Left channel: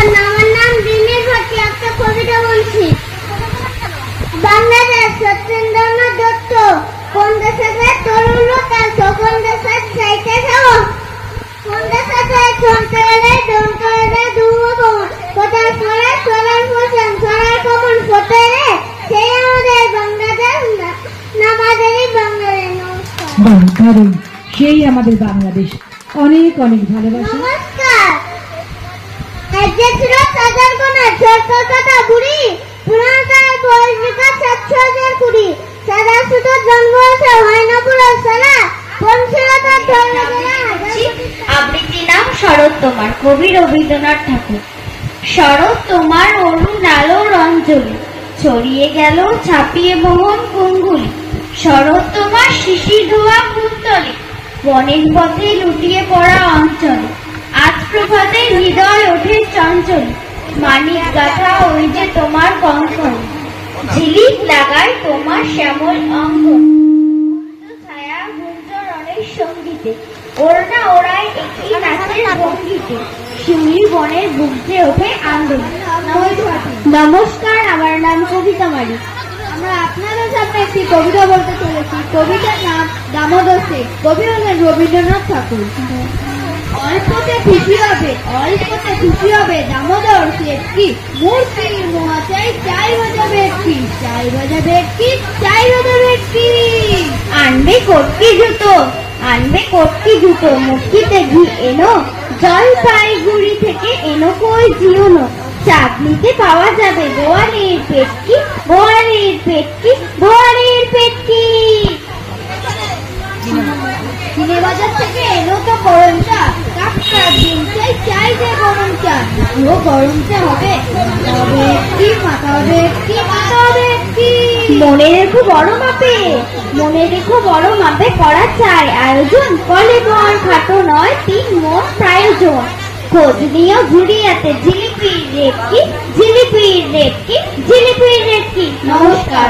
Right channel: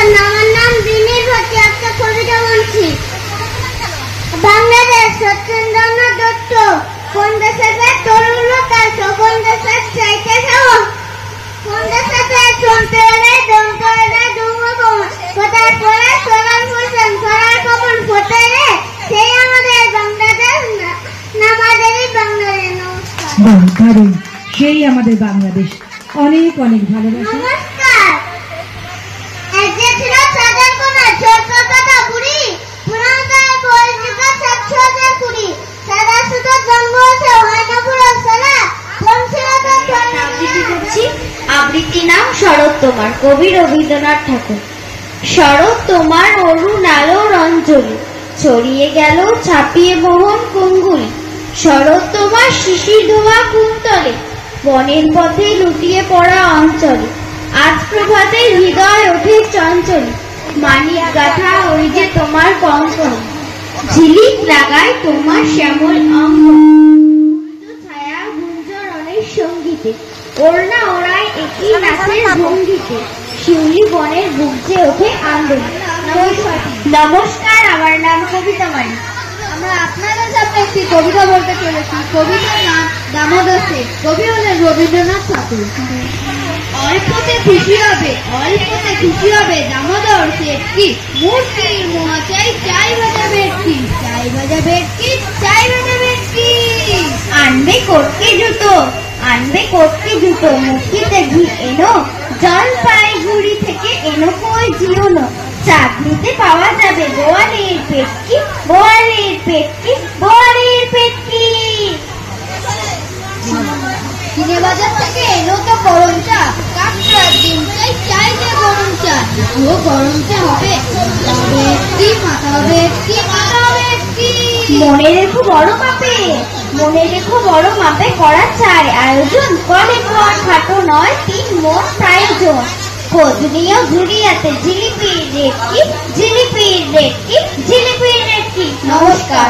নমস্কার, আমার নাম দিলীপ ভট্টি। একটা কবিতা বলছি। বাংলাদেশ সত্যেন্দ্রনাথ দত্ত। কোন দেশে তরুণ তার সকল দেশের চাইতে খাও। কোন দেশে চলতে হলে দমতে হলে দুরকম কোথায় পড়ে চলার পোষণ করার কখন ফোটে রে, সেই আমাদের বাংলাদেশ, আমাদেরই বাংলাদেশ। নমস্কার। সেই আমাদের বাংলাদেশ। অনেক অনেক ভালোবাসা। নমস্কার। এক যে ছিল চাঁদের কোনা ছোট্ট কাটা বুড়ি, পুরাতন বয়স বিকাশ 7,020। সাদা সুতো জন্ম হয়েছে হয় না পুরো সালা। আবৃত্তি নাম শরৎ তোমার, কবি রবীন্দ্রনাথ ঠাকুর। শরৎ তোমার মরুণ আলোর অঞ্চলে ছড়িয়ে গেল ছাপিয়ে ভ্রমণ কুঙ্গুলি। শরৎ তোমার শিশির ধোয়া ভূতলে বনের পথে লুটিয়ে পড়া অঞ্চলে। আজ প্রভাতে হৃদয় ওঠে চঞ্চল, মানিক গাথা ওই যে তোমার কঙ্কন। ঝিলিক লাগায় তোমার শ্যামল অঙ্গ, ছায়া গুঞ্জরণের সঙ্গীতে। ওড়না ওড়ায় একই নাচের ভঙ্গিতে, শিউলি বনের বুঝে ওঠে আঙ্গুল। নমস্কার, আমার নাম কবিতা মানি। আমরা আপনাদের সামনে একটি কবিতা বলতে চলেছি। কবিতার নাম দামোদর শেঠ। কবি হলেন রবীন্দ্রনাথ ঠাকুর। অল্পতে খুশি হবে, অল্পতে খুশি হবে দামোদর শেঠ কি মূর্তির মহাচাই চাই ভাজা ভেটকি, চাই ভাজা ভেটকি, চাই ভাজা ভেটকি। আনবে কটকি জুতো, আনবে কটকি জুতো, মুক্তিতে ঘুর এলো জলপাইগুড়ি থেকে এলো কই জুনো। চাকরিতে পাওয়া যাবে গোয়ালির পেটকি, গোয়ালির পেটকি, গোয়ালির পেটকি। বাজার থেকে এলো তো গরম চা, কাকড়ার দিন চাই যে গরম চা। ও গরম চা হবে, মাথা হবে একটি, মাথা হবে একটি, মাথা হবে একটি। মনে রেখো বড় মাপে, মনে রেখো বড় মাপে করা চাই আয়োজন। ফলে বর খাটো নয় 3 মোট আয়োজন। ফজলিও ঘুরিয়াতে জিলিপির রেটকি, জিলিপির রেটকি, জিলিপির রেটকি। নমস্কার।